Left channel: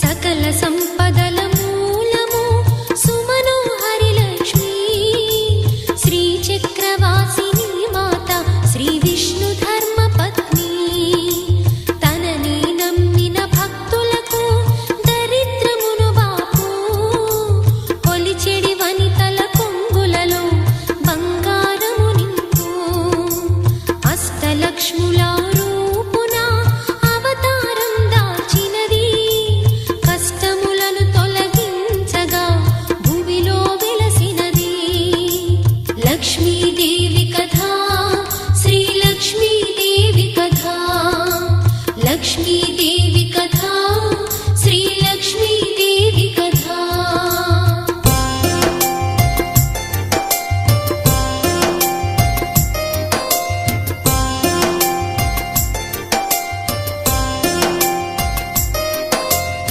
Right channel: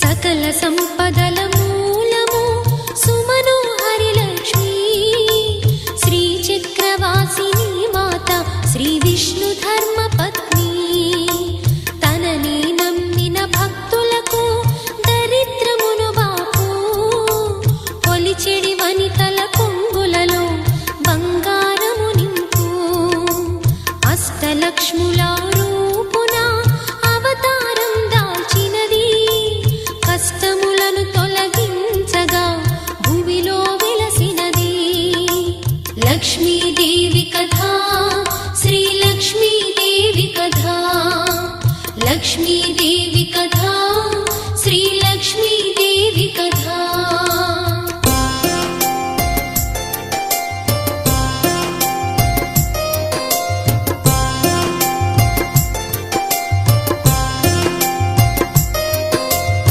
సకల సంపదల మూలము సుమనోహరి లక్ష్మీ శ్రీ చక్రవాసిని మాత శ్రీ విష్ణు ధర్మ పత్ని తనని నమ్మిన భక్తులకు దరిద్రమును బాపు కొలిచెడి వనితల కొంగులలో బంగారము నింపు అష్టలక్ష్ముల రూపున అవతారం దాల్చినది కష్టములను తొలగించగా భూమిలో వెలసినది లక్ష్మీదేవి కథ శ్రీ లక్ష్మీదేవి కథ లక్ష్మీదేవి కథ